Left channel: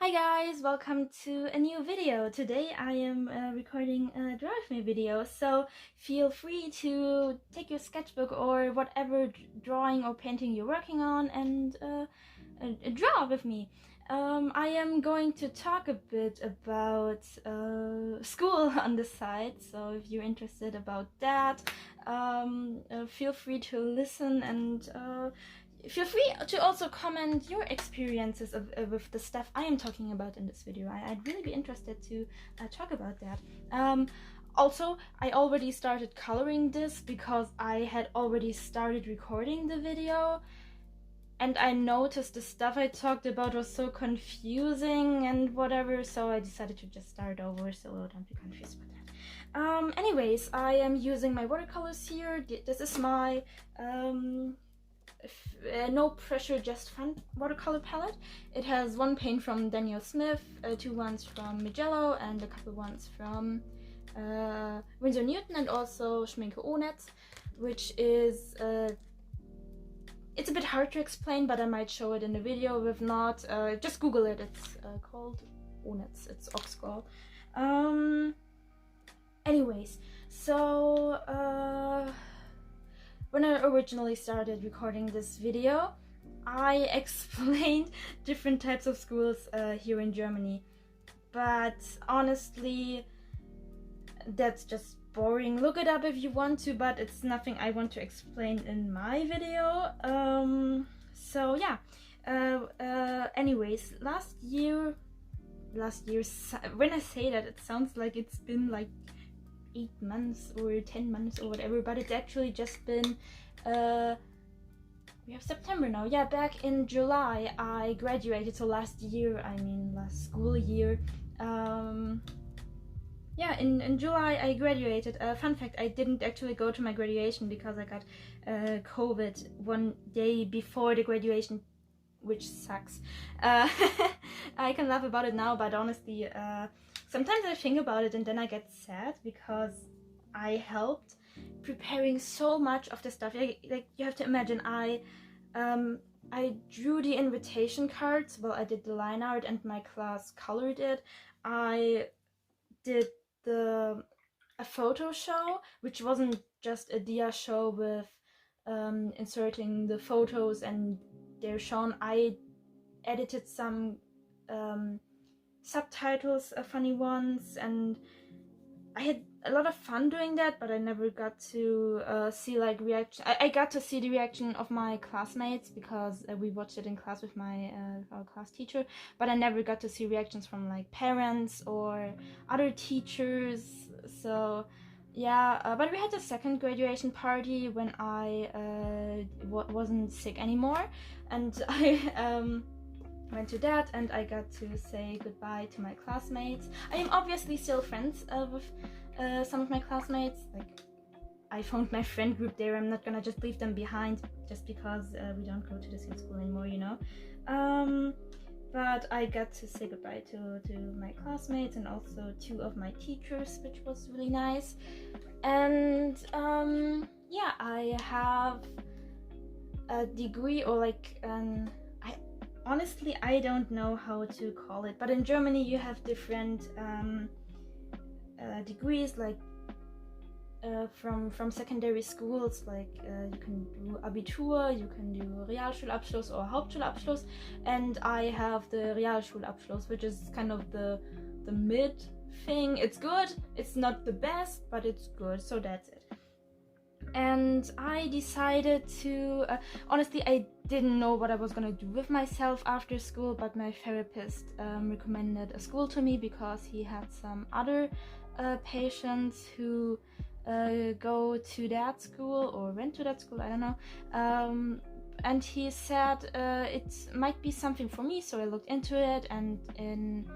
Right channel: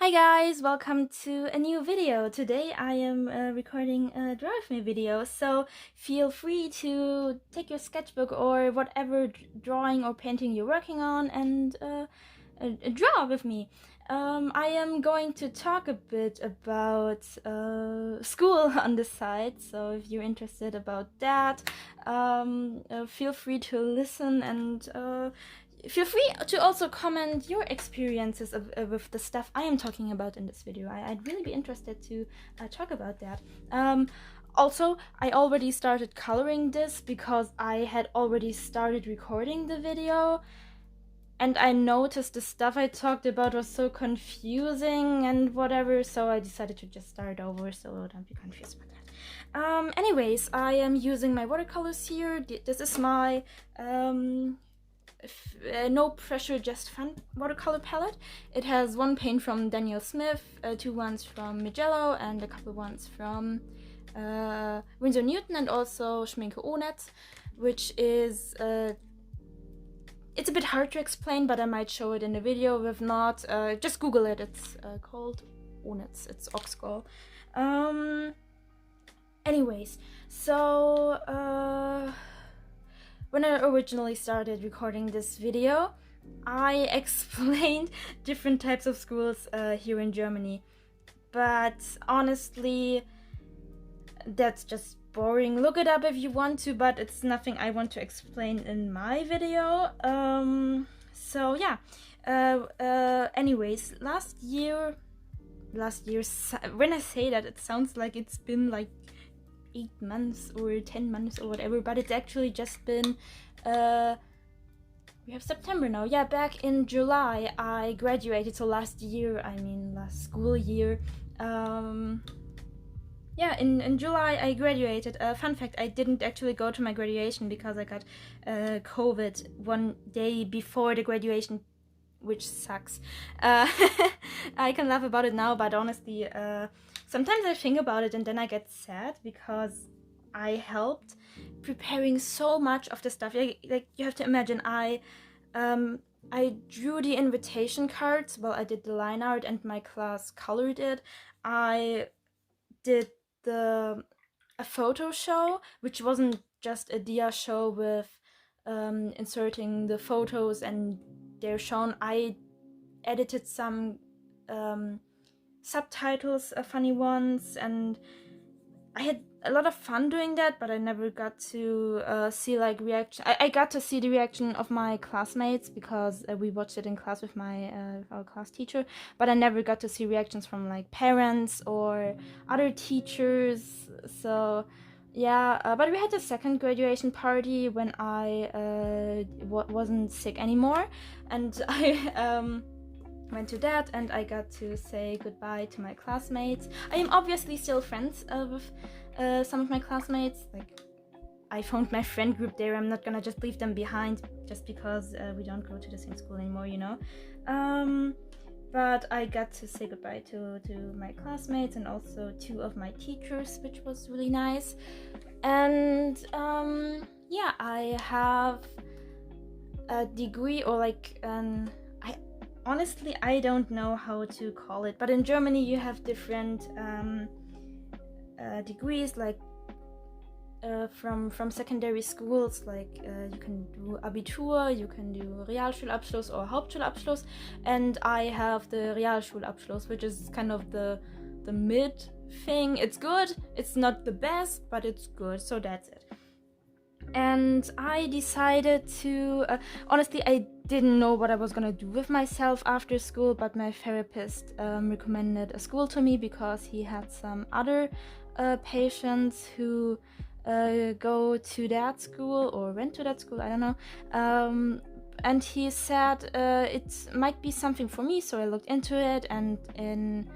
Hi guys, welcome to a new video. Today I am recording a Draw With Me video, so feel free to take your sketchbook or whatever drawing or painting you're working on and draw with me. I am going to talk a bit about school on the side, so if you're interested about that, feel free to listen and feel free to also comment your experiences with the stuff I am talking about in this video. I'd really be interested to talk about that. Also, I already started coloring this because I had already started recording the video, and I noticed the stuff I talked about was so confusing and whatever, so I decided to just start over, so don't be confused about that. Anyways, I am using my watercolors here. This is my no pressure, just fun watercolor palette. It has one paint from Daniel Smith, two ones from Mijello, and a couple ones from Winsor Newton, and also Schminke Onetz, which is it's a bit hard to explain, but I might show it in the video. If not, just Google it. It's called Onetz. It's Oxgall. Anyways, so when I originally started recording this video, I explained different types of schools here in Germany, but honestly, that's just boring. Look it up if you want to, but it's nothing I want to explain in my video. So yeah. Anyways, last year, when I say that, it sounds like it's been like 8 months or 10 months or whatever, but it's actually just been we have September now. Yeah, back in July I graduated, so last school year. Yeah, in July I graduated. Fun fact, I didn't actually go to my graduation because I got COVID one day before the graduation, which sucks. I can laugh about it now, but honestly, sometimes I think about it and then I get sad because I helped preparing so much of the stuff. Like you have to imagine, I drew the invitation cards. Well, I did the line art and my class colored it. I did a photo show, which wasn't just a dia show with inserting the photos and they're shown. I edited some subtitles, funny ones, and I had a lot of fun doing that, but I never got to see like reaction. I got to see the reaction of my classmates because we watched it in class with my our class teacher, but I never got to see reactions from like parents or other teachers. So yeah, but we had a second graduation party when I wasn't sick anymore, and I went to that, and I got to say goodbye to my classmates. I am obviously still friends with some of my classmates. Like, I found my friend group there. I'm not gonna just leave them behind just because we don't go to the same school anymore, you know. But I got to say goodbye to my classmates and also two of my teachers, which was really nice. And yeah, I have a degree, or like honestly, I don't know how to call it, but in Germany you have different degrees, like from secondary schools. Like you can do Abitur, you can do Realschulabschluss or Hauptschulabschluss, and I have the Realschulabschluss, which is kind of the mid thing. It's good, it's not the best, but it's good, so that's it. And I decided to honestly, I didn't know what I was gonna do with myself after school, but my therapist recommended a school to me because he had some other patients who go to that school or went to that school, I don't know. And he said it might be something for me, so I looked into it, and in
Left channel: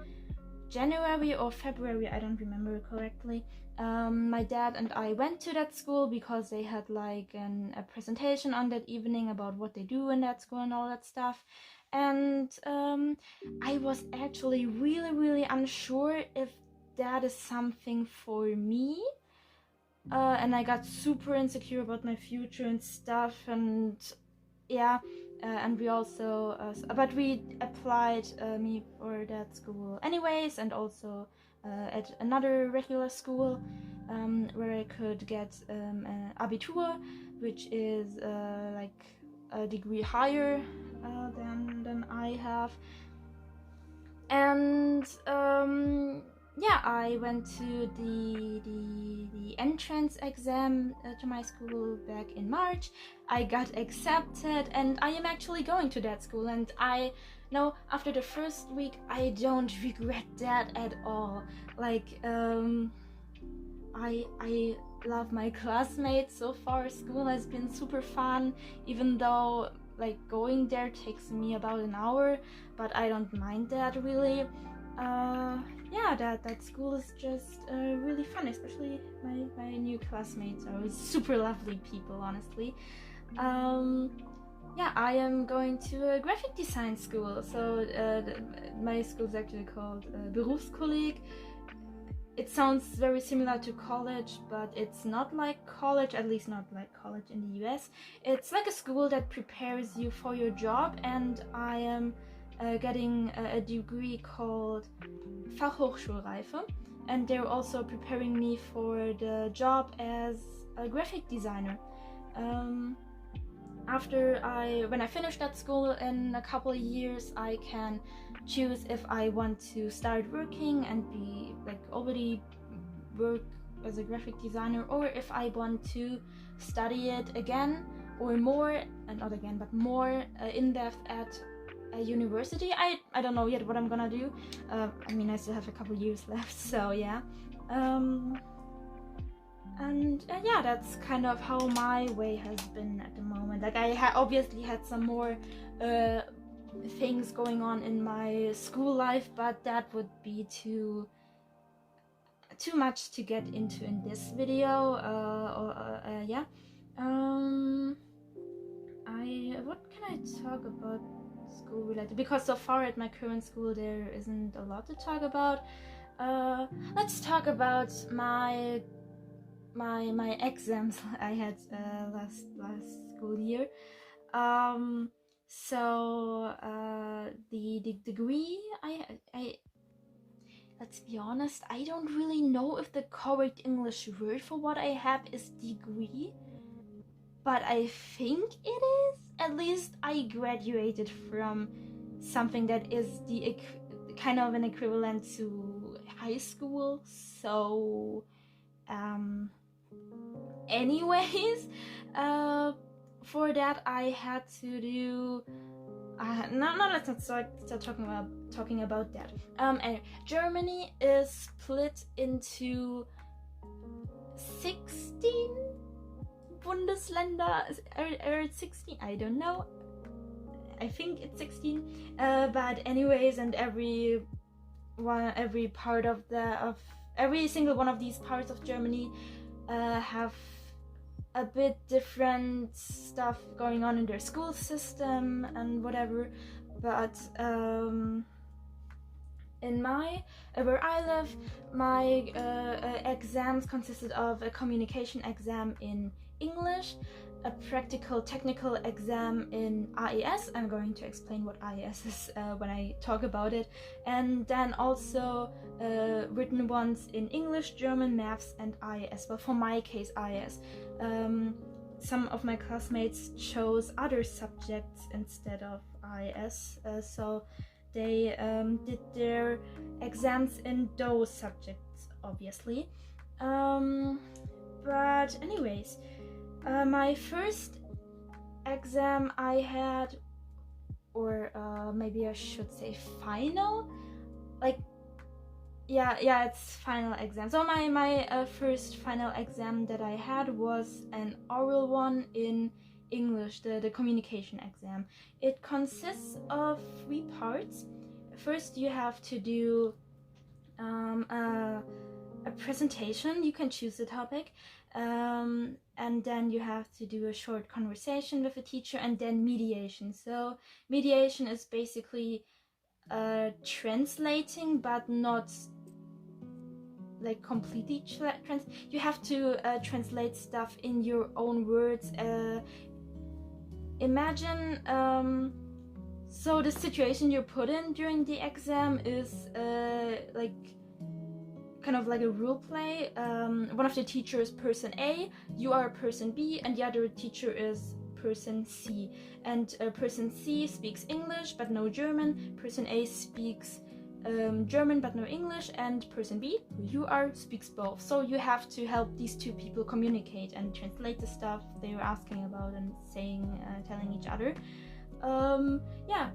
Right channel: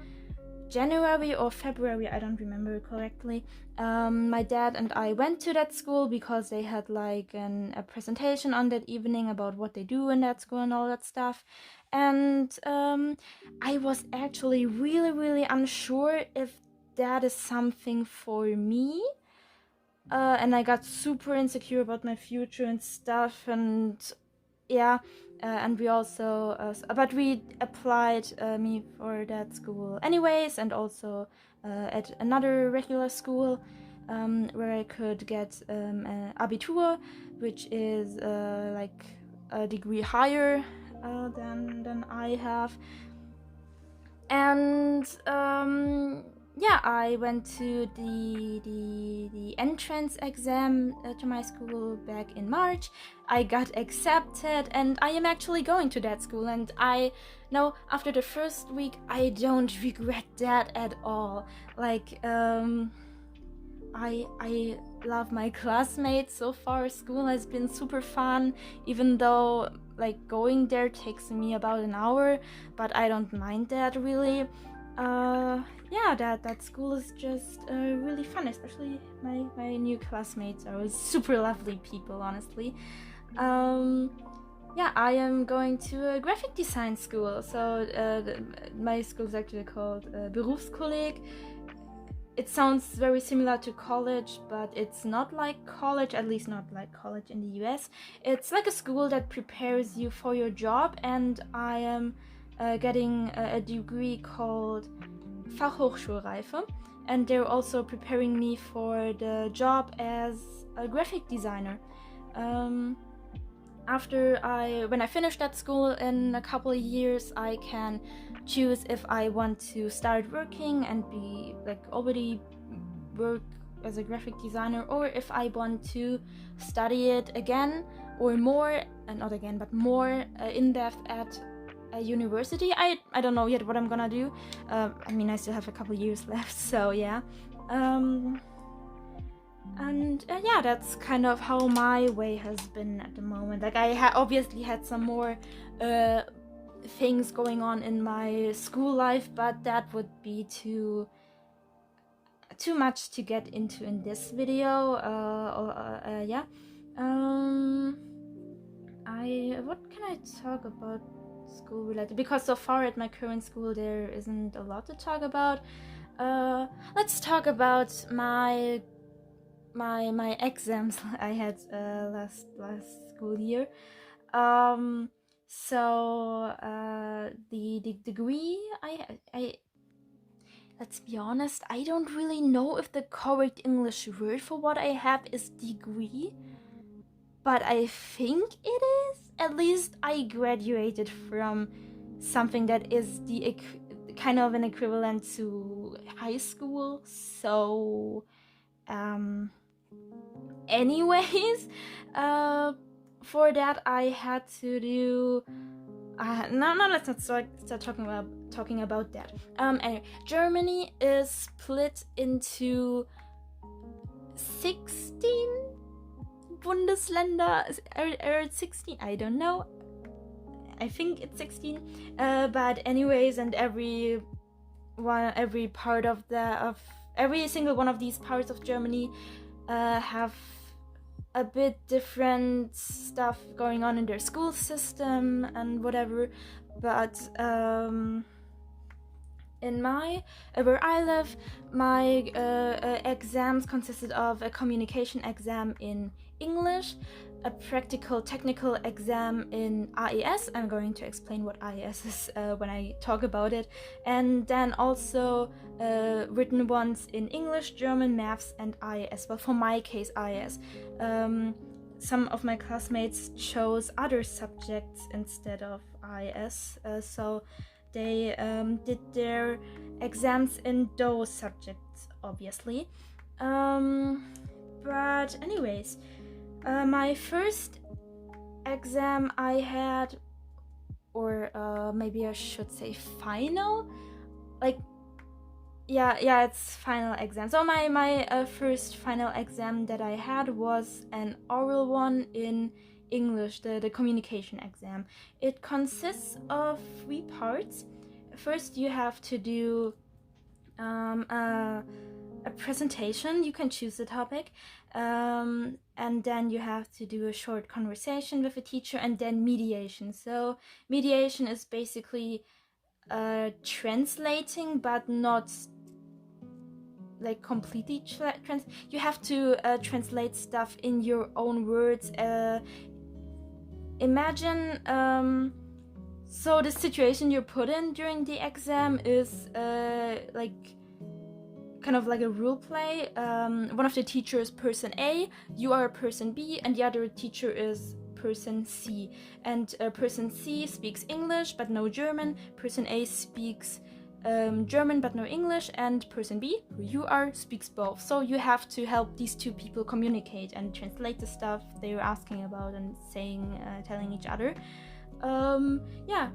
January or February, I don't remember correctly, my dad and I went to that school because they had like a presentation on that evening about what they do in that school and all that stuff. And I was actually really unsure if that is something for me. And I got super insecure about my future and stuff, and yeah, and we also but we applied me for that school anyways, and also at another regular school where I could get an Abitur, which is like a degree higher than I have. And yeah, I went to the entrance exam to my school back in March. I got accepted, and I am actually going to that school. And I know after the first week, I don't regret that at all. Like I love my classmates so far. School has been super fun, even though like going there takes me about an hour, but I don't mind that really. Yeah, that school is just really fun, especially my new classmates are super lovely people, honestly. Yeah, I am going to a graphic design school, so my school is actually called Berufskolleg. It sounds very similar to college, but it's not like college, at least not like college in the US. It's like a school that prepares you for your job, and I am getting a degree called Fachhochschulreife, and they're also preparing me for the job as a graphic designer. When I finish that school in a couple of years, I can choose if I want to start working and be like already work as a graphic designer, or if I want to study it again or more, not again but more in depth at a university. I don't know yet what I'm gonna do. I mean, I still have a couple of years left, so yeah. And yeah, that's kind of how my way has been at the moment. Like I obviously had some more things going on in my school life, but that would be too much to get into in this video. Yeah. What can I talk about school related? Because so far at my current school there isn't a lot to talk about. Let's talk about my exams I had last school year. So the degree I let's be honest, I don't really know if the correct English word for what I have is degree, but I think it is. At least I graduated from something that is the kind of an equivalent to high school. So anyways, for that I had to do no, let's not start talking about that. Anyway, Germany is split into 16 Bundesländer, or 16, I don't know, I think it's 16, but anyways, and every single one of these parts of Germany have a bit different stuff going on in their school system and whatever. But in where I live, my exams consisted of a communication exam in English, a practical technical exam in AES. I'm going to explain what AES is when I talk about it, and then also written ones in English, German, maths, and IES. Well, for my case, IES. Some of my classmates chose other subjects instead of IES, so they did their exams in those subjects, obviously. But anyways, my first exam I had, or maybe I should say final, like yeah, it's final exam. So my first final exam that I had was an oral one in English, the communication exam. It consists of 3 parts. First, you have to do a presentation. You can choose the topic, and then you have to do a short conversation with a teacher, and then mediation. So mediation is basically translating, but not like completely you have to translate stuff in your own words imagine, so the situation you're put in during the exam is like kind of like a role play. One of the teachers is person A, you are person B, and the other teacher is person C. And person C speaks English but no German, person A speaks German but no English, and person B, who you are, speaks both. So you have to help these two people communicate and translate the stuff they're asking about and saying, telling each other. Yeah,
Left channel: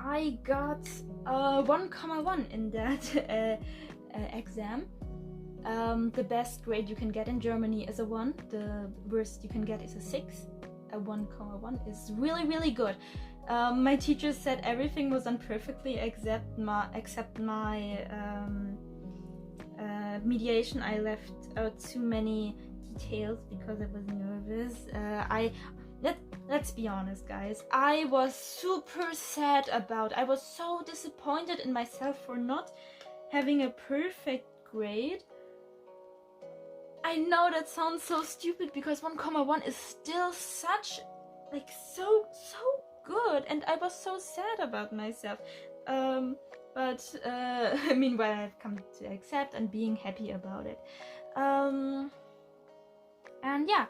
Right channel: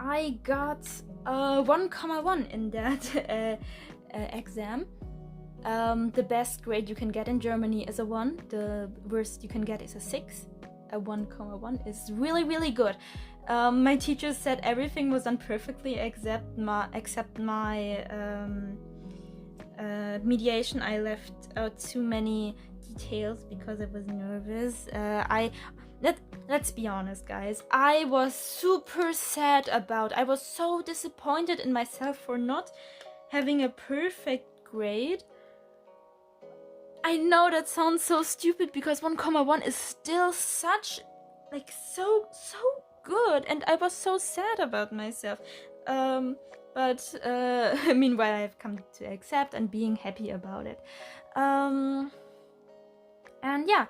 I got 1,1 in that exam. The best grade you can get in Germany is a 1. The worst you can get is a 6. A 1,1 is really, really good. My teacher said everything was done perfectly except my mediation. I left out too many details because I was nervous. Let's be honest, guys. I was super sad I was so disappointed in myself for not having a perfect grade. I know that sounds so stupid because 1,1 is still such, like, so good, and I was so sad about myself. But meanwhile I've come to accept and being happy about it. And yeah,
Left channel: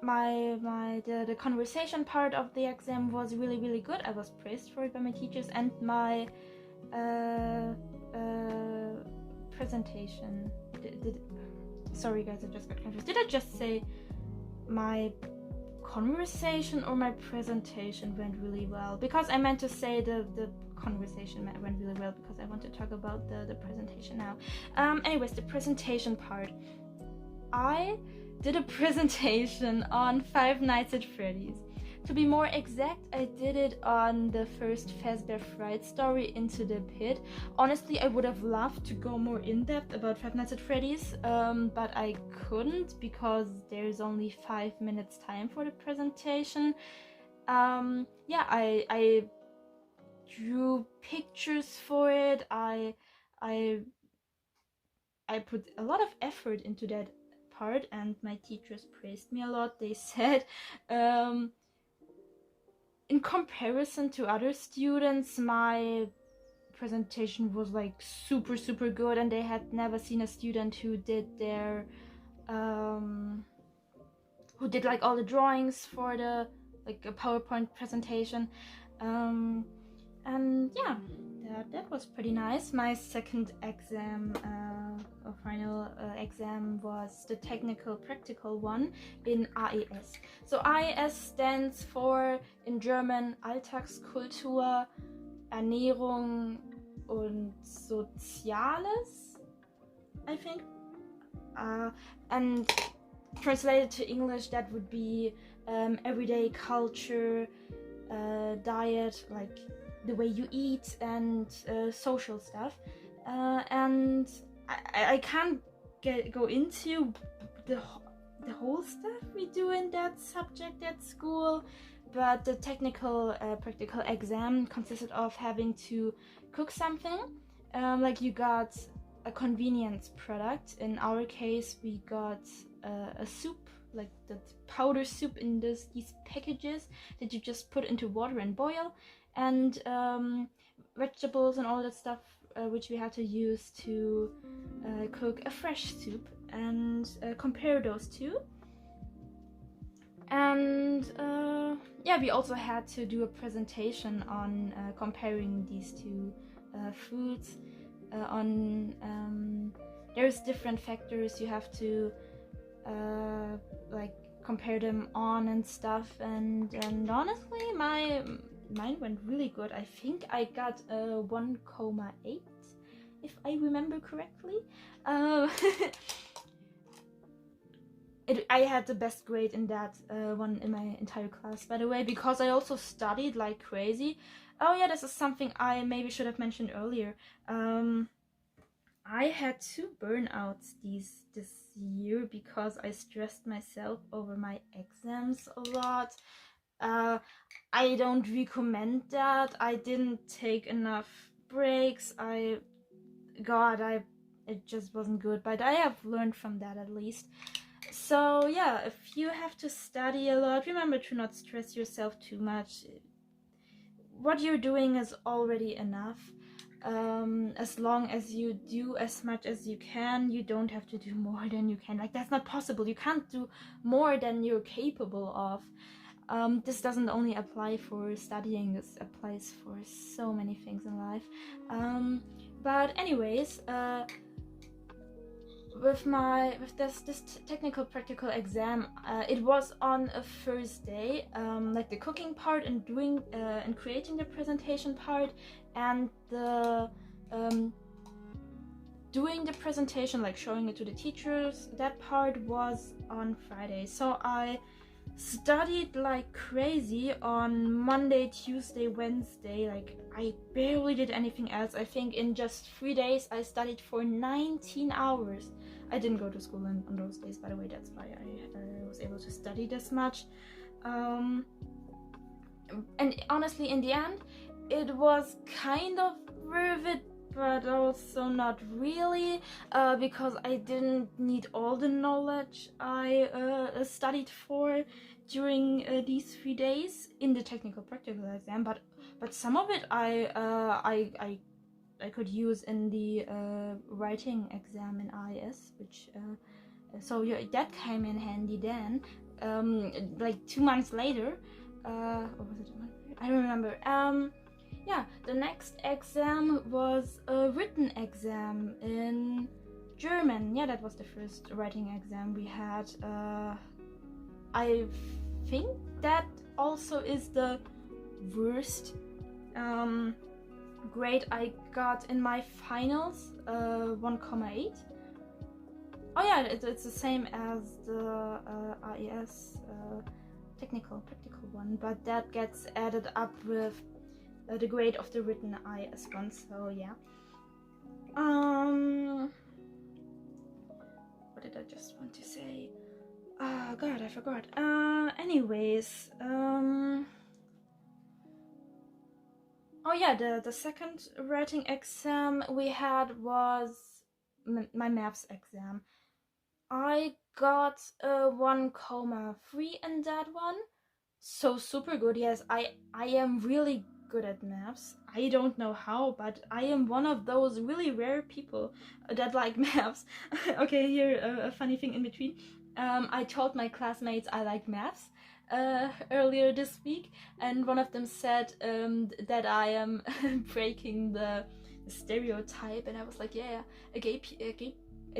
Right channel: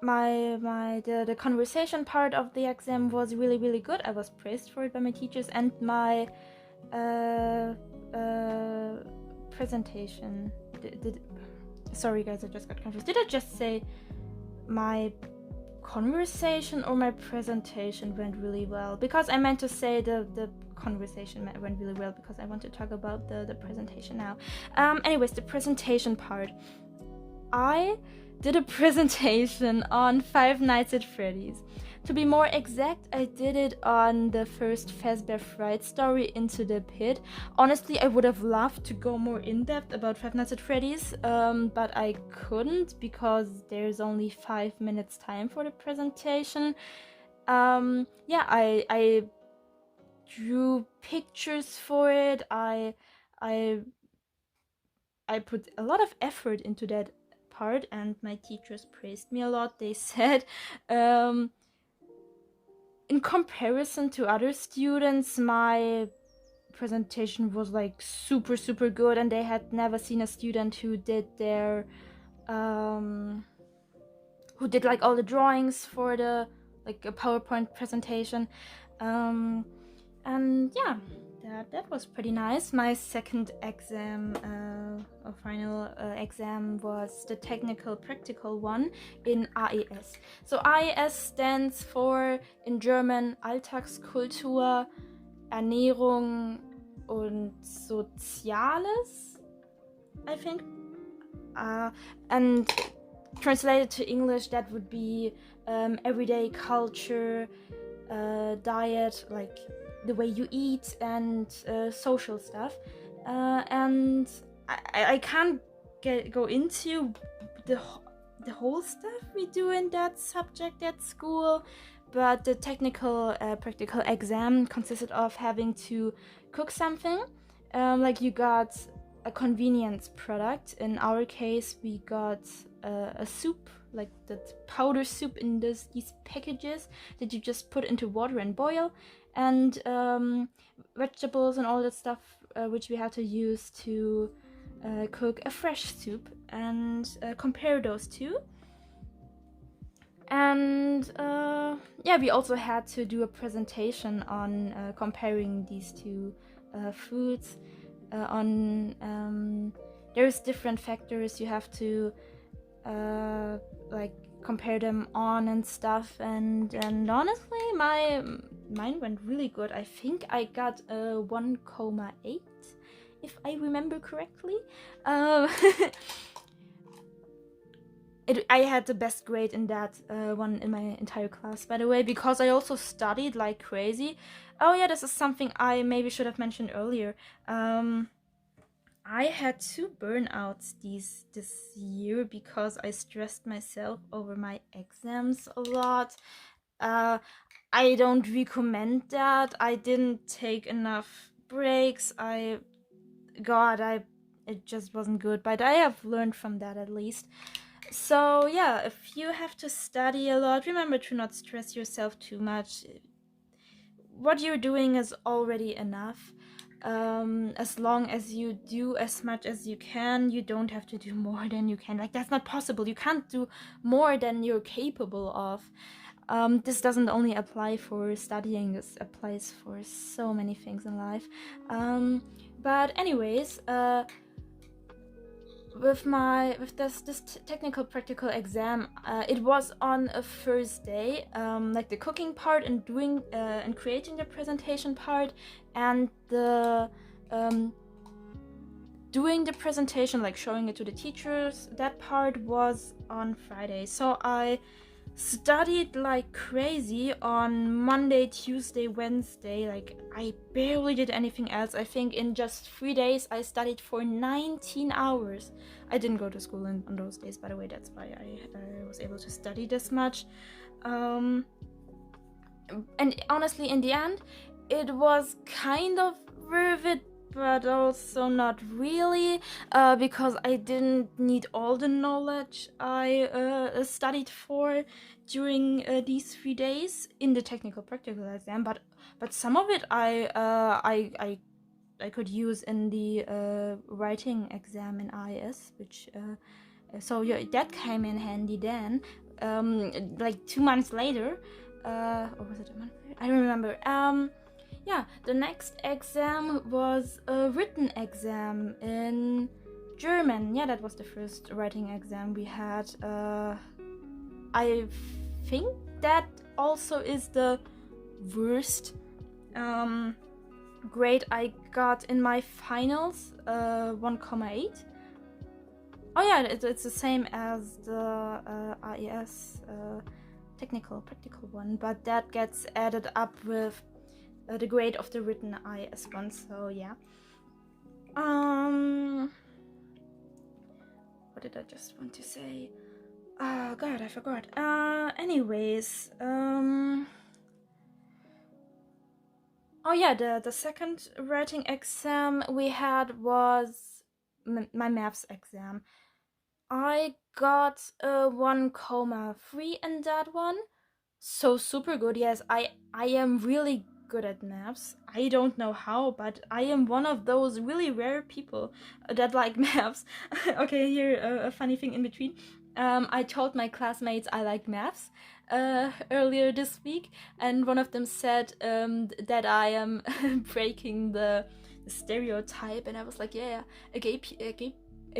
the conversation part of the exam was really, really good. I was praised for it by my teachers, and my presentation. Sorry guys, I just got confused. Did I just say my conversation or my presentation went really well? Because I meant to say the conversation went really well because I want to talk about the presentation now. Anyways, the presentation part. I did a presentation on Five Nights at Freddy's. To be more exact, I did it on the first Fazbear Fright story, Into the Pit. Honestly, I would have loved to go more in-depth about Five Nights at Freddy's, but I couldn't because there's only 5 minutes time for the presentation. Yeah, I drew pictures for it. I put a lot of effort into that part, and my teachers praised me a lot. They said, in comparison to other students, my presentation was like super good, and they had never seen a student who did their who did like all the drawings for the like a PowerPoint presentation. And yeah, that was pretty nice. My second exam, or final exam, was the technical practical one in AES. So AES stands for, in German, Alltagskultur, Ernährung und Soziales, I think. And translated to English, that would be everyday culture, diet, like the way you eat, and social stuff. And I can't go into the whole stuff we do in that subject at school, but the technical practical exam consisted of having to cook something. Like you got a convenience product. In our case, we got a soup, like the powder soup in these packages that you just put into water and boil, and vegetables and all that stuff which we had to use to cook a fresh soup, and compare those two. And yeah, we also had to do a presentation on comparing these two foods. There's different factors you have to like compare them on and stuff, and honestly mine went really good. I think I got a 1,8 if I remember correctly. I had the best grade in that one in my entire class, by the way, because I also studied like crazy. Oh yeah, this is something I maybe should have mentioned earlier. I had 2 burnouts this year because I stressed myself over my exams a lot. I don't recommend that. I didn't take enough breaks. It just wasn't good, but I have learned from that at least. So yeah, if you have to study a lot, remember to not stress yourself too much. What you're doing is already enough. As long as you do as much as you can, you don't have to do more than you can. Like, that's not possible. You can't do more than you're capable of. This doesn't only apply for studying, this applies for so many things in life. But anyways, with this technical practical exam, it was on a Thursday, like the cooking part and doing and creating the presentation part, and the doing the presentation, like showing it to the teachers, that part was on Friday. So I studied like crazy on Monday, Tuesday, Wednesday. Like, I barely did anything else. I think in just 3 days I studied for 19 hours. I didn't go to school on those days, by the way. That's why I was able to study this much. And honestly, in the end, it was kind of worth it, but also not really, because I didn't need all the knowledge I studied for during these 3 days in the technical practical exam, but some of it I could use in the writing exam in IS, which so yeah, that came in handy then. Like 2 months later, or was it a month? I don't remember. Yeah, the next exam was a written exam in German. Yeah, that was the first writing exam we had. I think that also is the worst grade I got in my finals, 1,8. Oh yeah, it's the same as the IES technical practical one, but that gets added up with the grade of the written IS one. So yeah. What did I just want to say? God, I forgot. Anyways, oh yeah, the second writing exam we had was my maths exam. I got a 1,3 in that one. So super good. Yes, I am really good at maths. I don't know how, but I am one of those really rare people that like maths. Okay, here a funny thing in between. I told my classmates I like maths earlier this week, and one of them said that I am breaking the stereotype, and I was like, yeah, a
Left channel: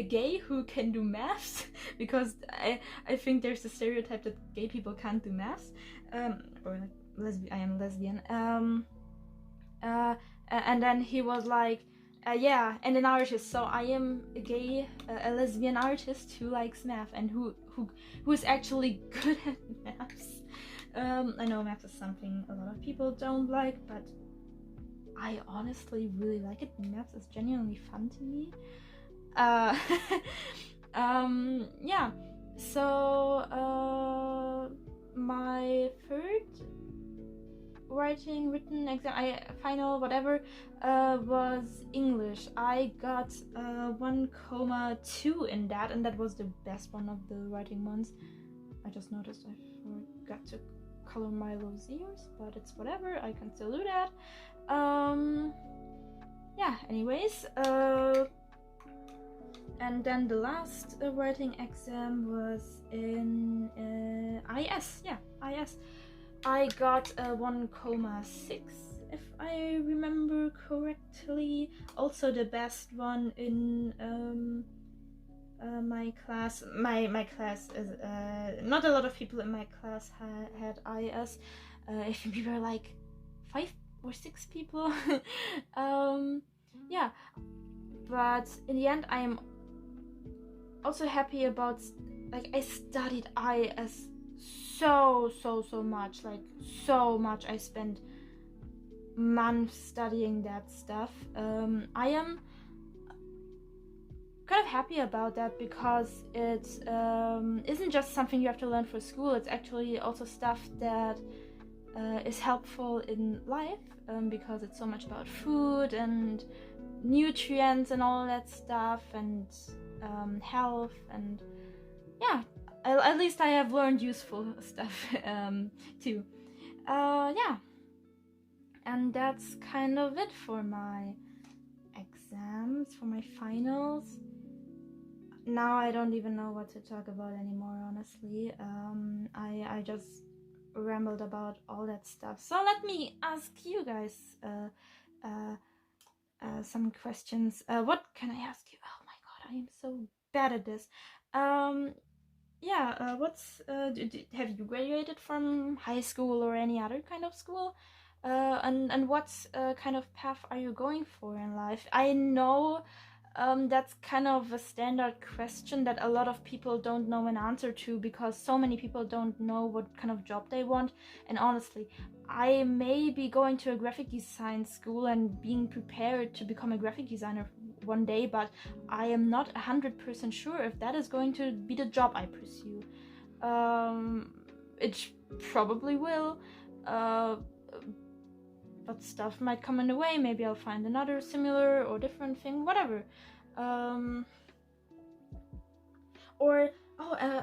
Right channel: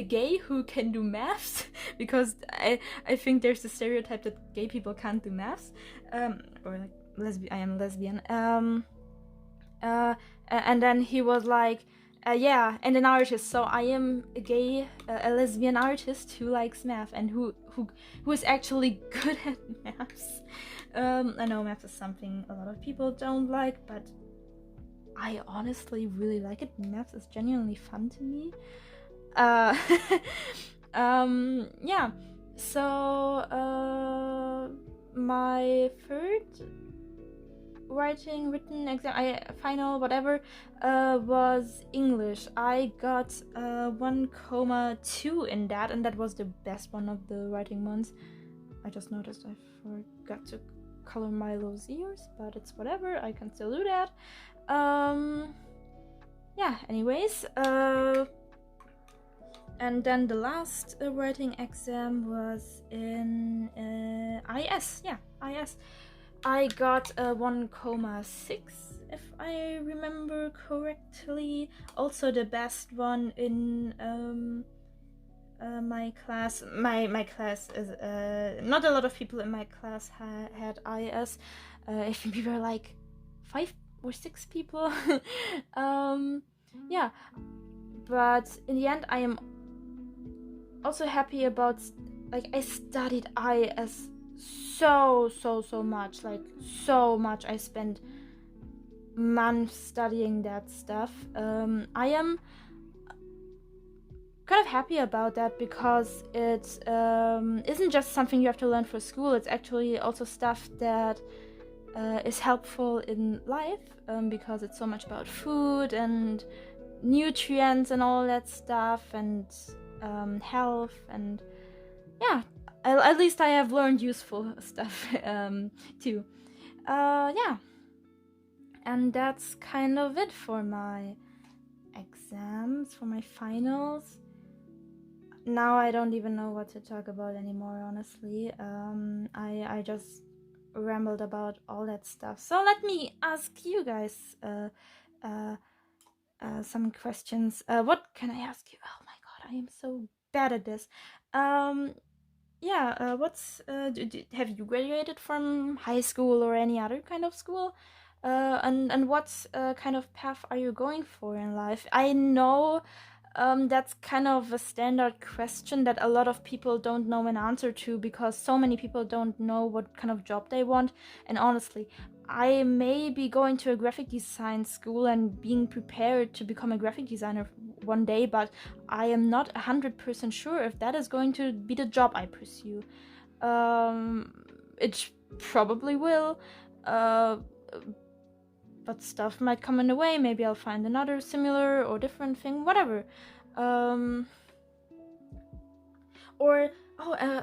gay who can do maths, because I think there's a stereotype that gay people can't do maths, or like I am lesbian. And then he was like, yeah, and an artist. So I am a gay, a lesbian artist who likes math and who is actually good at maths. I know math is something a lot of people don't like, but I honestly really like it. Math is genuinely fun to me. Yeah. So my third written exam, final whatever, was English. I got 1,2 in that, and that was the best one of the writing ones. I just noticed I forgot to color my lows ears, but it's whatever, I can still do that. Yeah, anyways, and then the last writing exam was in IS. Yeah, IS. I got a 1,6 if I remember correctly. Also the best one in my class. My class is not a lot of people in my class had IS. I think we were like 5 or 6 people. Yeah, but in the end I am also happy about, like, I studied IS so much, like so much. I spent months studying that stuff. I am kind of happy about that because it isn't just something you have to learn for school. It's actually also stuff that is helpful in life, because it's so much about food and nutrients and all that stuff, and health, and yeah, at least I have learned useful stuff too. Yeah, and that's kind of it for my exams, for my finals. Now I don't even know what to talk about anymore, honestly. I just rambled about all that stuff. So let me ask you guys some questions. What can I ask you? Oh my god, I am so bad at this. Yeah, have you graduated from high school or any other kind of school? And what kind of path are you going for in life? I know that's kind of a standard question that a lot of people don't know an answer to, because so many people don't know what kind of job they want. And honestly, I may be going to a graphic design school and being prepared to become a graphic designer one day, but I am not 100% sure if that is going to be the job I pursue. It probably will, but stuff might come in the way. Maybe I'll find another similar or different thing, whatever.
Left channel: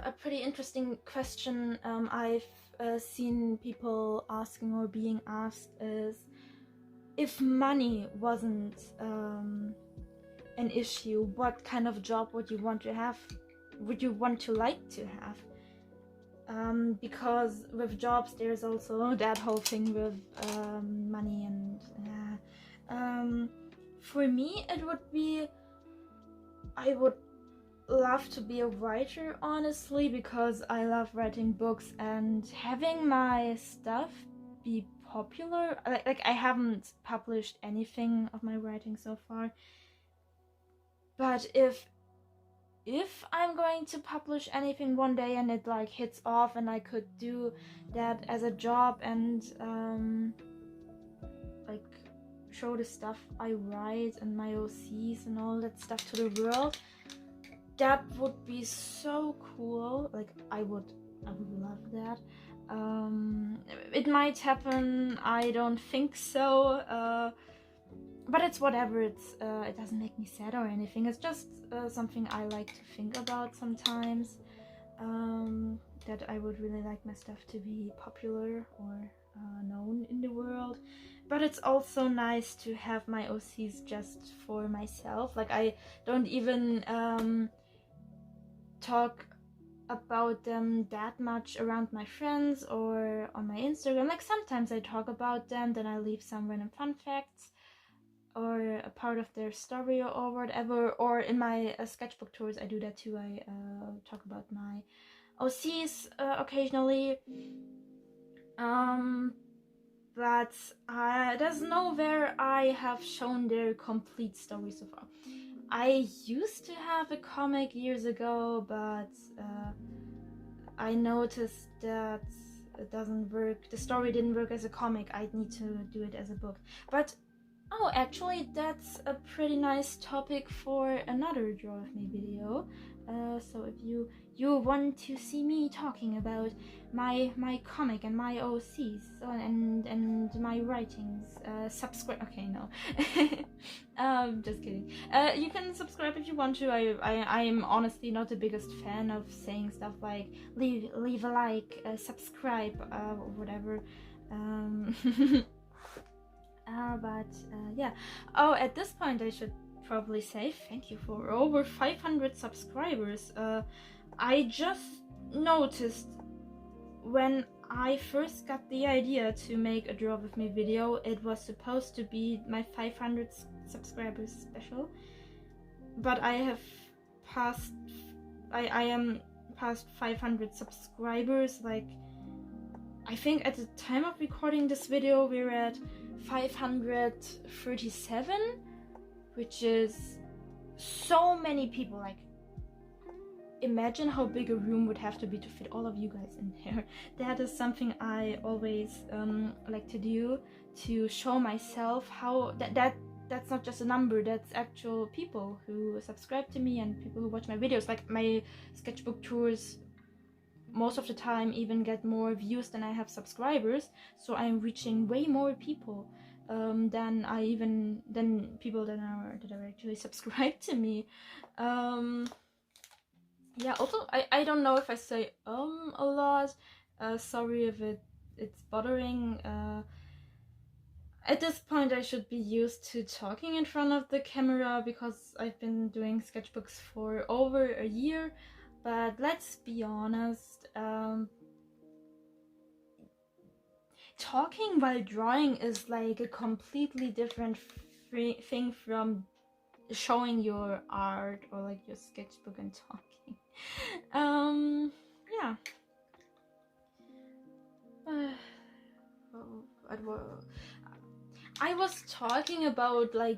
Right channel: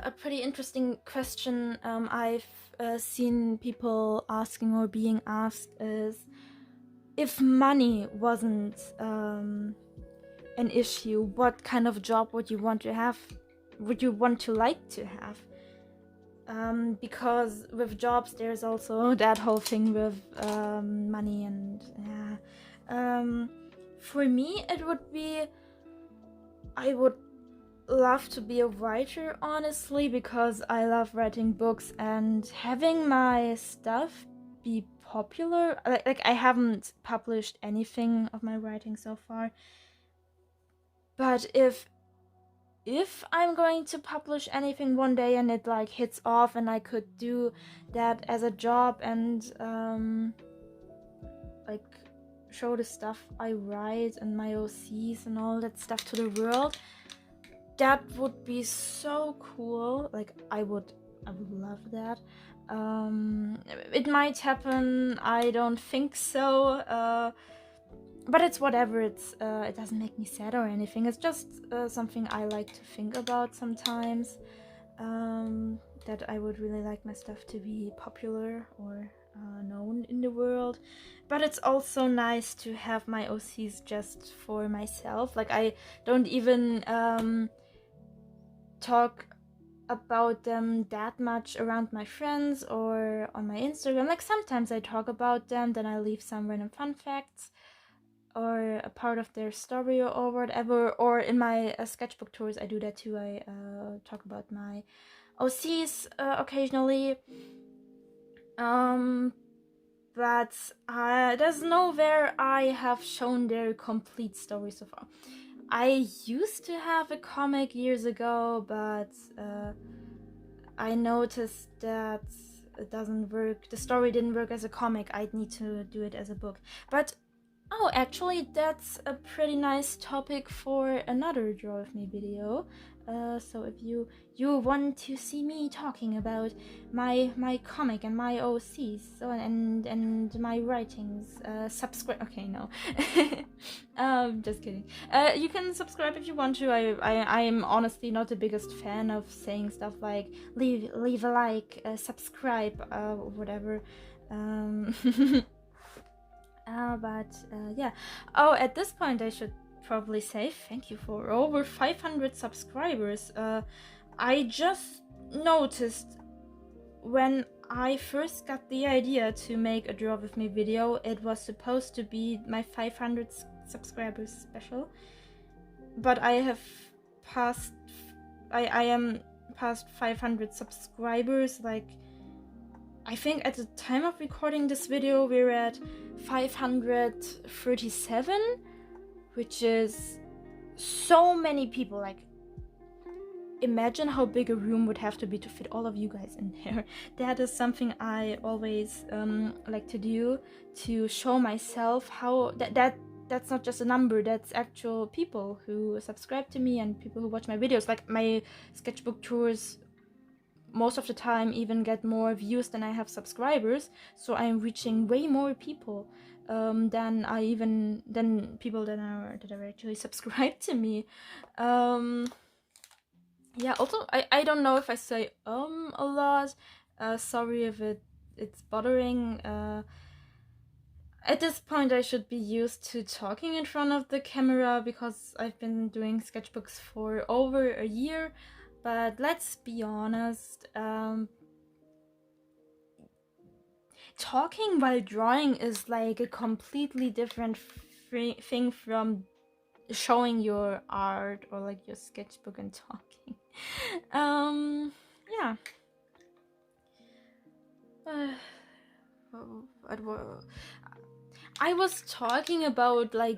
A pretty interesting question I've seen people asking or being asked is, if money wasn't an issue, what kind of job would you want to have? Would you want to like to have? Because with jobs there's also that whole thing with money, and for me it would be, I would love to be a writer, honestly, because I love writing books and having my stuff be popular. Like I haven't published anything of my writing so far, but if I'm going to publish anything one day and it like hits off and I could do that as a job and like show the stuff I write and my OCs and all that stuff to the world, that would be so cool. Like I would love that. It might happen, I don't think so, but it's whatever. It doesn't make me sad or anything. It's just something I like to think about sometimes, that I would really like my stuff to be popular or known in the world. But it's also nice to have my OCs just for myself. Like I don't even talk about them that much around my friends or on my Instagram. Like sometimes I talk about them, then I leave some random fun facts or a part of their story or whatever. Or in my sketchbook tours I do that too. I talk about my OCs occasionally, but there's nowhere I have shown their complete story so far. I used to have a comic years ago, but I noticed that it doesn't work. The story didn't work as a comic. I'd need to do it as a book. But actually, that's a pretty nice topic for another Draw With Me video. So if you want to see me talking about my comic and my OCs and my writings, subscribe. Okay, no, just kidding. You can subscribe if you want to. I'm honestly not the biggest fan of saying stuff like leave a like, subscribe, whatever. Yeah. Oh, at this point I should probably say thank you for over 500 subscribers. I just noticed when I first got the idea to make a Draw With Me video, it was supposed to be my 500 subscribers special, but I have passed, I am past 500 subscribers. Like I think at the time of recording this video we're at 537, which is so many people. Like imagine how big a room would have to be to fit all of you guys in there. That is something I always like to do, to show myself how that's not just a number, that's actual people who subscribe to me and people who watch my videos. Like my sketchbook tours most of the time even get more views than I have subscribers, so I'm reaching way more people than people that are actually subscribed to me. Yeah, also I don't know if I say a lot. Sorry if it's bothering. At this point I should be used to talking in front of the camera because I've been doing sketchbooks for over a year. But let's be honest, talking while drawing is like a completely different thing from showing your art or like your sketchbook and talking. Yeah. I was talking about like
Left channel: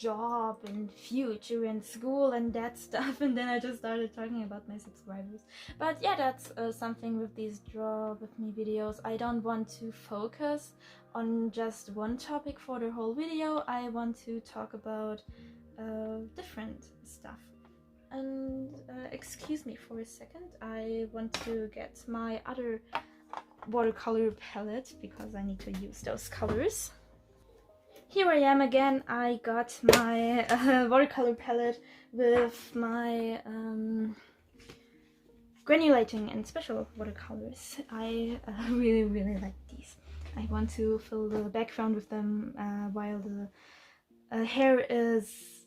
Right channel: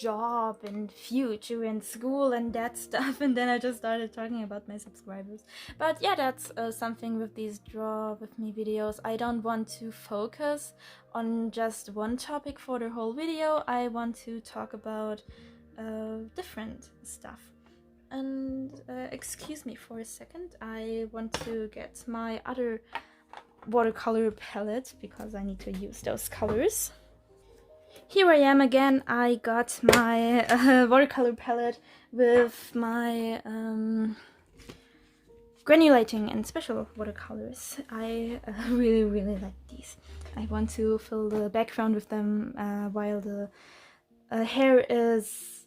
job and future and school and that stuff, and then I just started talking about my subscribers. But yeah, that's something with these draw with me videos. I don't want to focus on just one topic for the whole video. I want to talk about different stuff. And excuse me for a second, I want to get my other watercolor palette because I need to use those colors. Here I am again. I got my watercolor palette with my granulating and special watercolors. I really like these. I want to fill the background with them while the hair is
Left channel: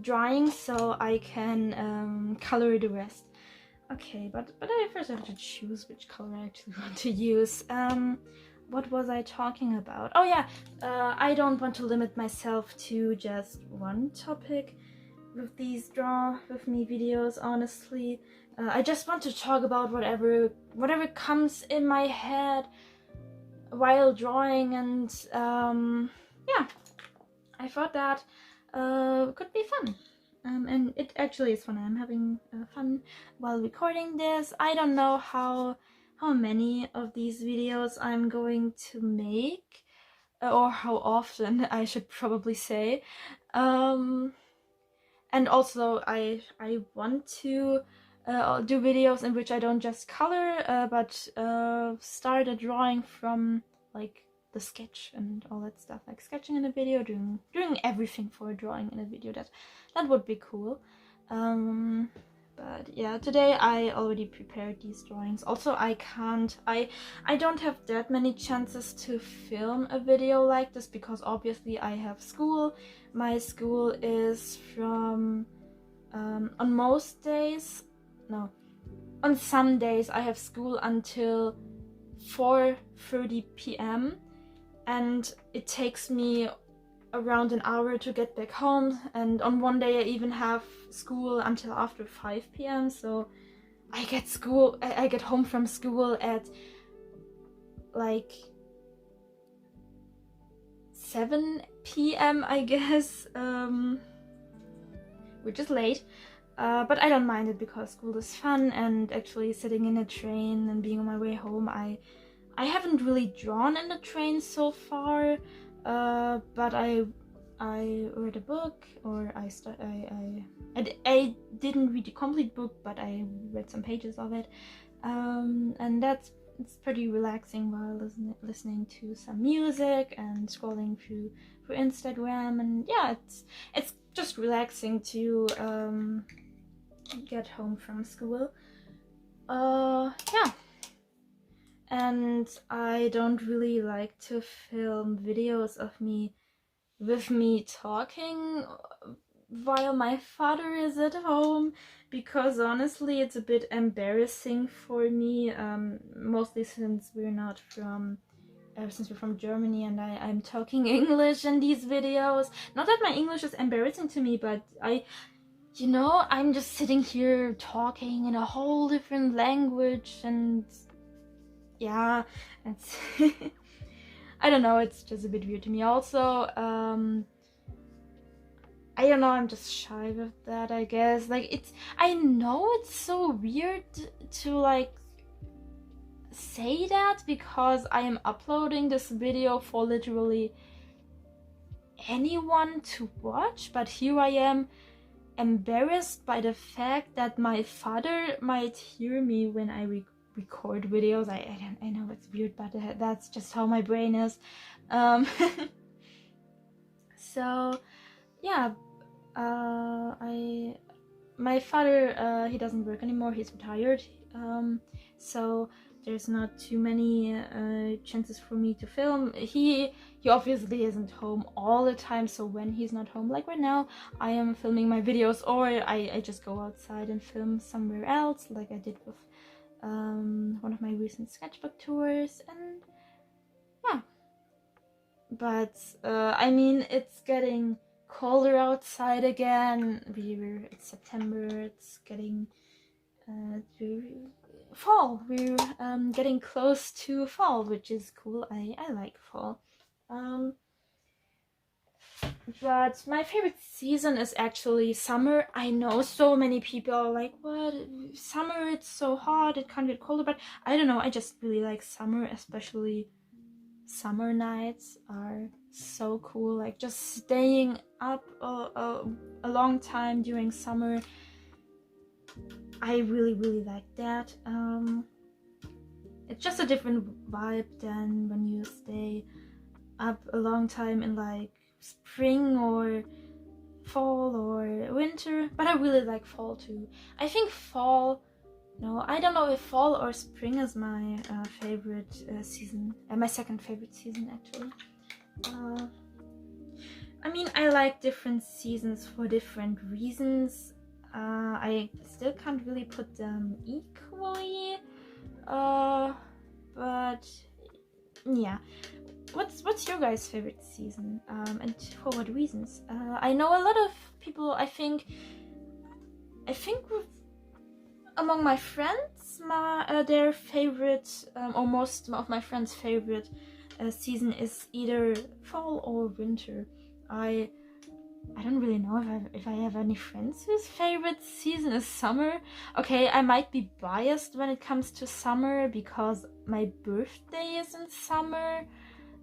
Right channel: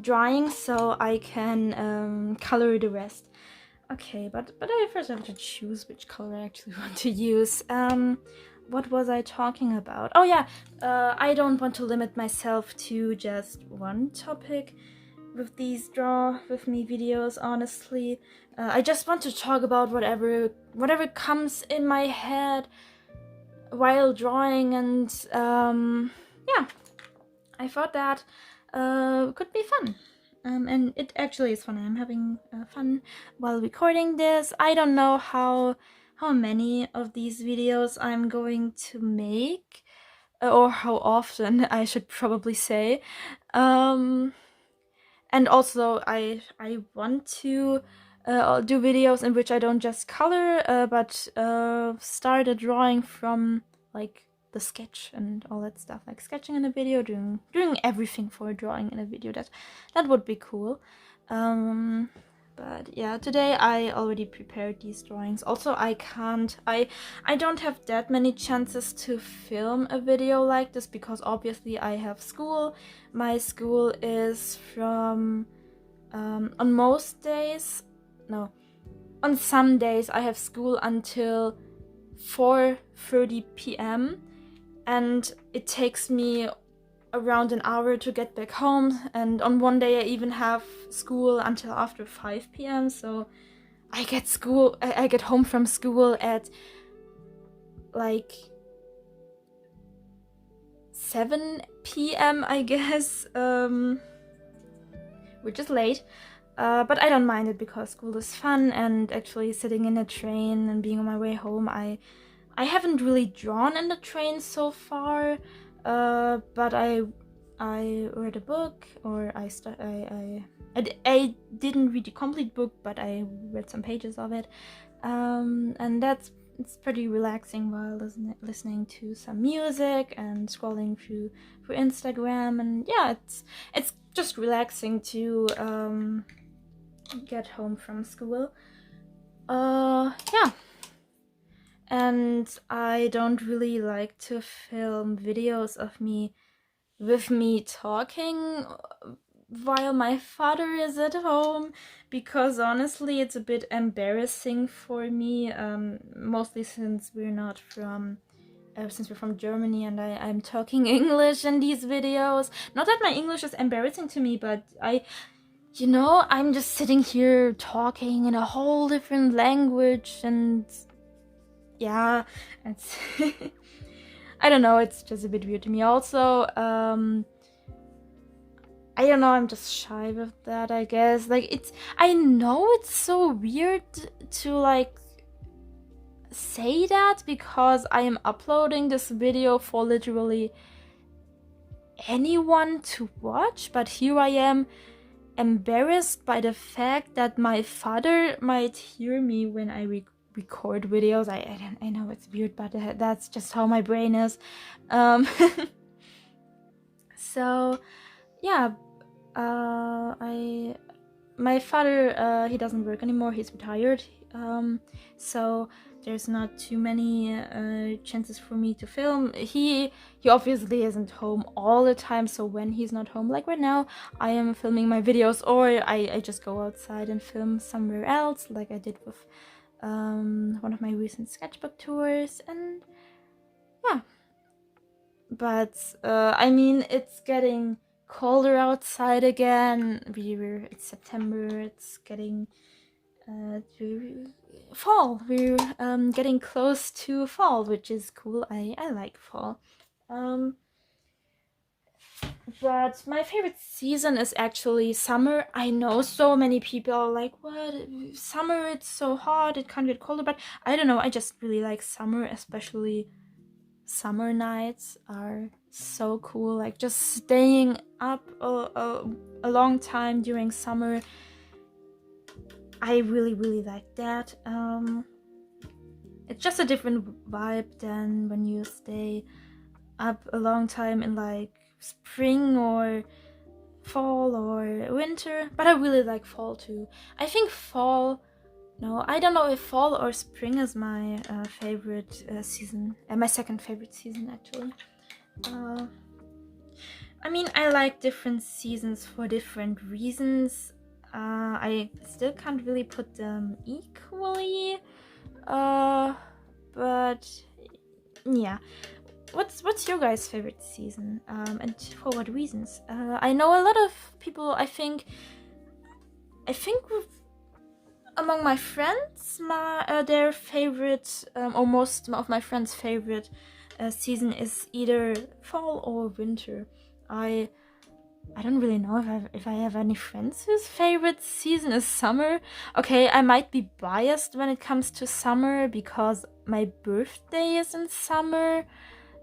drying, so I can color the rest. Okay, but I first have to choose which color I actually want to use. What was I talking about? Oh yeah, I don't want to limit myself to just one topic with these draw with me videos, honestly. I just want to talk about whatever comes in my head while drawing, and yeah, I thought that could be fun. And it actually is fun. I'm having fun while recording this. I don't know how many of these videos I'm going to make, or how often I should probably say. And also I want to do videos in which I don't just color, but start a drawing from like the sketch and all that stuff, like sketching in a video, doing everything for a drawing in a video. That would be cool. But yeah, today I already prepared these drawings. Also, I don't have that many chances to film a video like this because obviously I have school. My school is from on most days, no, on some days I have school until 4:30 p.m. and it takes me around an hour to get back home, and on one day I even have school until after 5 p.m. so I get home from school at like 7 p.m. I guess, which is late, but I don't mind it because school is fun, and actually sitting in a train and being on my way home, I haven't really drawn in the train so far, but I read a book, or I didn't read the complete book, but I read some pages of it, and it's pretty relaxing while listening to some music and scrolling through Instagram, and yeah, it's just relaxing to get home from school. Yeah. And I don't really like to film videos of me with me talking while my father is at home, because honestly it's a bit embarrassing for me, mostly since we're not from since we're from Germany and I'm talking English in these videos. Not that my English is embarrassing to me, but I'm just sitting here talking in a whole different language, and yeah, it's I don't know, it's just a bit weird to me. Also, I don't know, I'm just shy with that, I guess. Like, I know it's so weird to like say that because I am uploading this video for literally anyone to watch, but here I am embarrassed by the fact that my father might hear me when I record videos. I know it's weird, but that's just how my brain is. So yeah, my father, he doesn't work anymore, he's retired, so there's not too many chances for me to film. He obviously isn't home all the time, so when he's not home, like right now, I am filming my videos, or I just go outside and film somewhere else, like I did with one of my recent sketchbook tours. And yeah, but I mean, it's getting colder outside again. It's September, it's getting fall. We're getting close to fall, which is cool. I like fall. But my favorite season is actually summer. I know so many people are like, what, summer, it's so hot, it can't get colder, but I don't know, I just really like summer. Especially summer nights are so cool, like just staying up a long time during summer. I really like that. It's just a different vibe than when you stay up a long time in like spring or fall or winter. But I really like fall too. I think fall, no, I don't know if fall or spring is my favorite season, and my second favorite season actually. I mean, I like different seasons for different reasons. I still can't really put them equally, but yeah. What's your guys' favorite season, and for what reasons? I know a lot of people. I think among my friends, their favorite, or most of my friends' favorite season is either fall or winter. I don't really know if I have any friends whose favorite season is summer. Okay, I might be biased when it comes to summer because my birthday is in summer,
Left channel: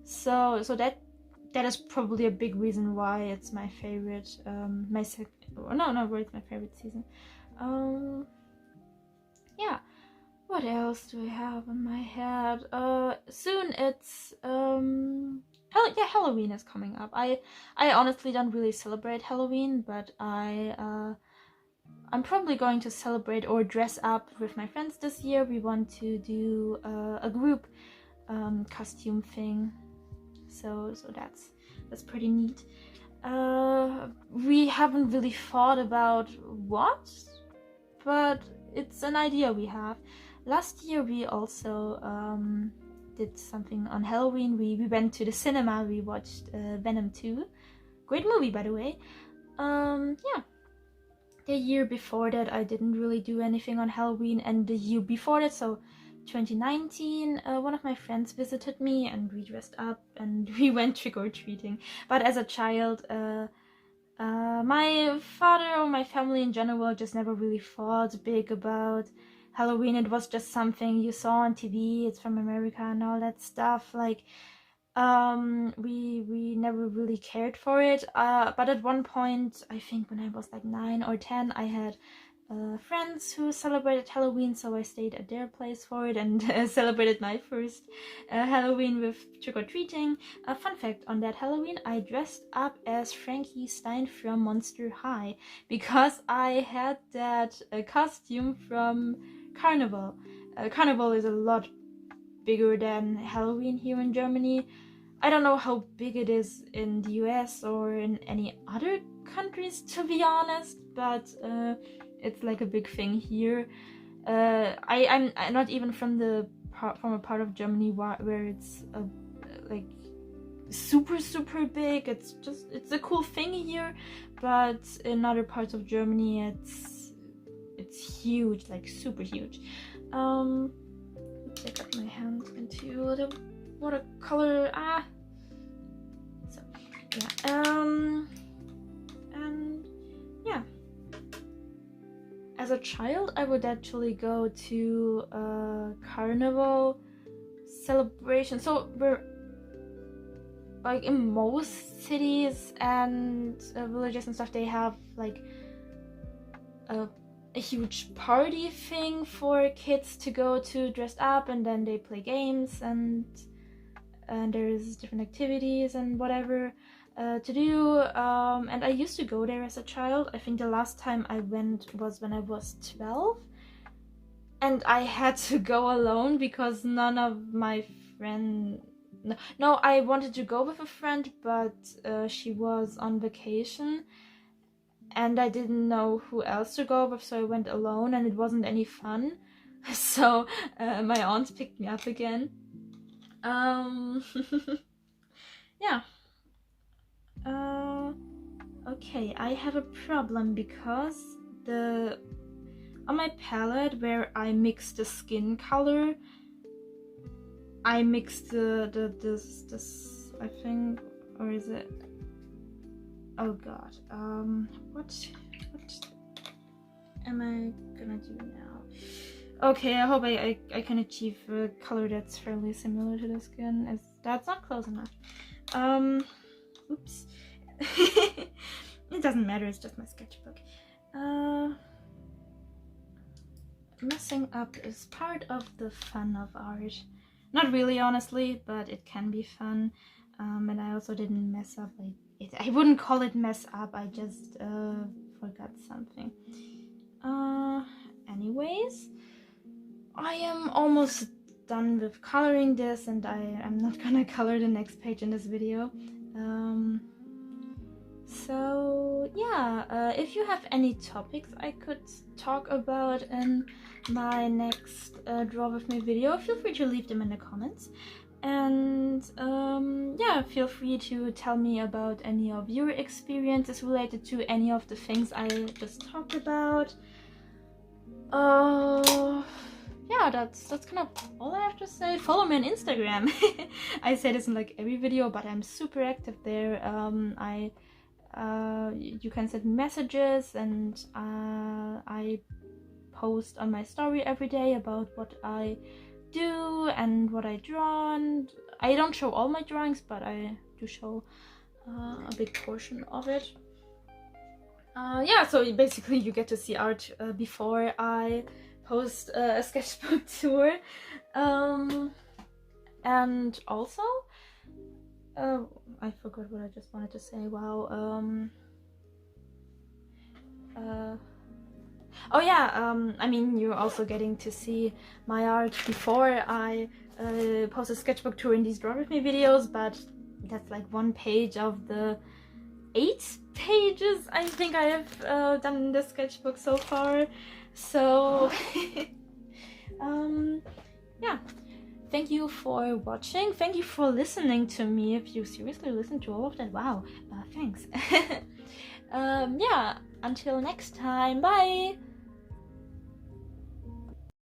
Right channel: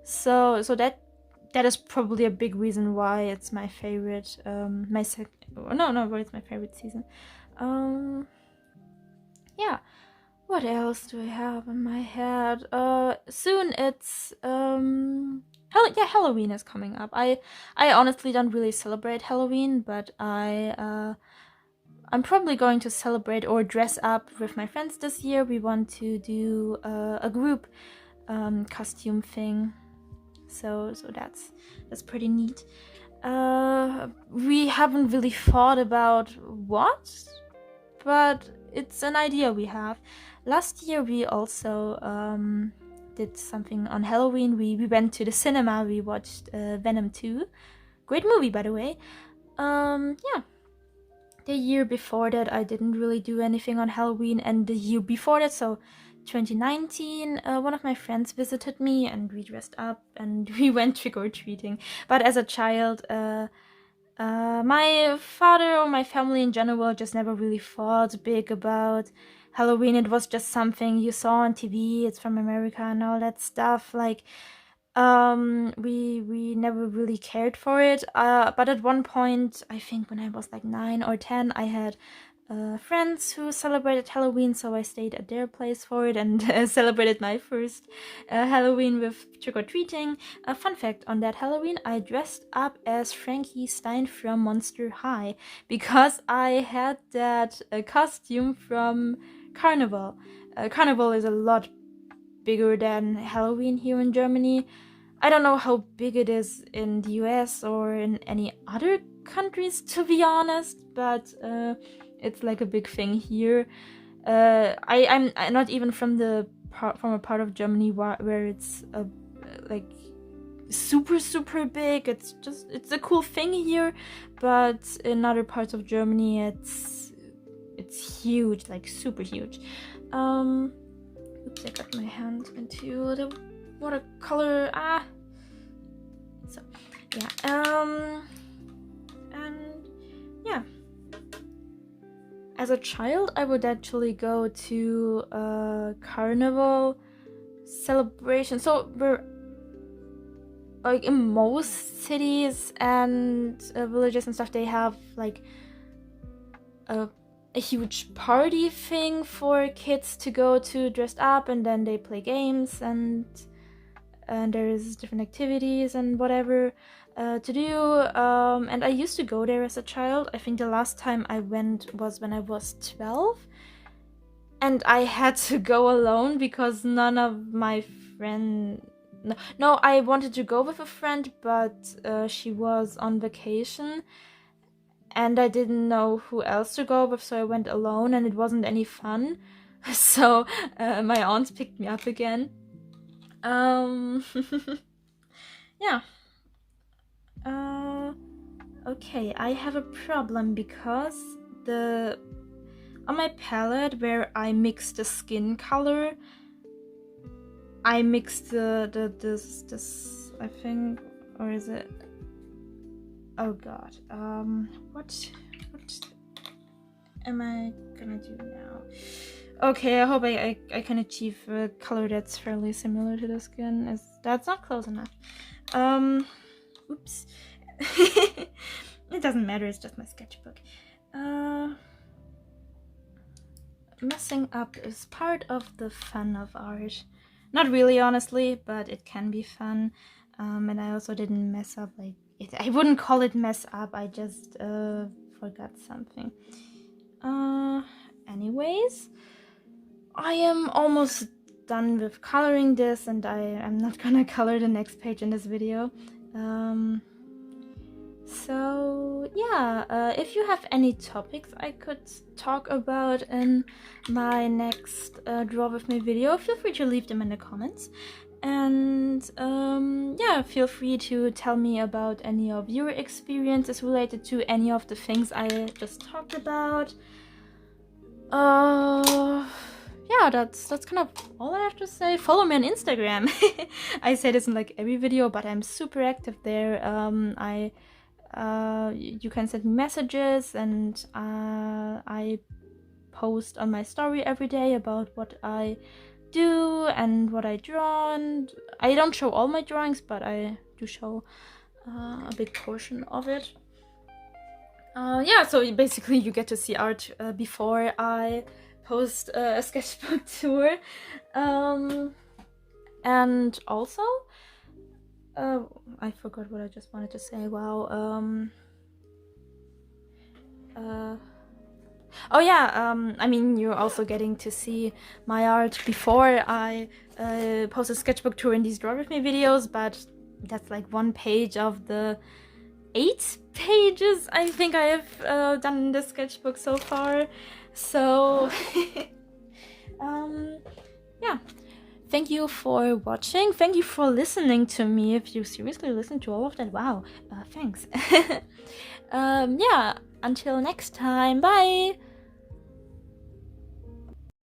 so that is probably a big reason why it's my favorite. Why it's my favorite season. Yeah. What else do I have in my head? Soon it's Halloween is coming up. I honestly don't really celebrate Halloween, but I'm probably going to celebrate or dress up with my friends this year. We want to do a group costume thing, so that's pretty neat. We haven't really thought about what, but it's an idea we have. Last year we also did something on Halloween. We went to the cinema. We watched Venom 2. Great movie, by the way. Yeah. The year before that, I didn't really do anything on Halloween, and the year before that, so 2019, one of my friends visited me, and we dressed up and we went trick-or-treating. But as a child, my father or my family in general just never really thought big about Halloween. It was just something you saw on TV, it's from America and all that stuff. Like, we never really cared for it. But at one point, I think when I was like 9 or 10, I had friends who celebrated Halloween, so I stayed at their place for it and celebrated my first Halloween with trick-or-treating. A fun fact on that Halloween, I dressed up as Frankie Stein from Monster High because I had that costume from Carnival. Carnival is a lot bigger than Halloween here in Germany. I don't know how big it is in the US or in any other countries, to be honest, but it's like a big thing here. I'm not even from a part of Germany where it's like super big. It's a cool thing here, but in other parts of Germany it's huge, like super huge. Oops, I got my hand into the watercolor. So yeah. And yeah. As a child, I would actually go to a carnival celebration. So we're like in most cities and villages and stuff, they have like a huge party thing for kids to go to dressed up, and then they play games and and there's different activities and whatever to do, and I used to go there as a child. I think the last time I went was when I was 12, and I had to go alone because none of my friends... No, I wanted to go with a friend, but she was on vacation and I didn't know who else to go with, so I went alone and it wasn't any fun. So my aunts picked me up again. Yeah. Okay, I have a problem because on my palette where I mix the skin color, I mixed this I think, or is it? Oh god. What am I gonna do now? Okay, I hope I can achieve a color that's fairly similar to the skin. That's not close enough. Oops. It doesn't matter, it's just my sketchbook. Messing up is part of the fun of art. Not really, honestly, but it can be fun. And I also didn't mess up like it. I wouldn't call it mess up, I just forgot something. Anyways, I am almost done with coloring this, and I'm not gonna color the next page in this video. So yeah, if you have any topics I could talk about in my next Draw With Me video, feel free to leave them in the comments. And yeah, feel free to tell me about any of your experiences related to any of the things I just talked about. Yeah, that's kind of all I have to say. Follow me on Instagram. I say this in like every video, but I'm super active there. You can send messages, and I post on my story every day about what I do and what I draw, and I don't show all my drawings, but I do show a big portion of it. Yeah, so basically you get to see art before I post a sketchbook tour. And also I forgot what I just wanted to say. Wow. Oh yeah, I mean, you're also getting to see my art before I post a sketchbook tour in these Draw With Me videos, but that's like one page of the 8 pages I think I have done in the sketchbook so far. So yeah, thank you for watching, thank you for listening to me. If you seriously listened to all of that, wow, thanks. Yeah, until next time, bye.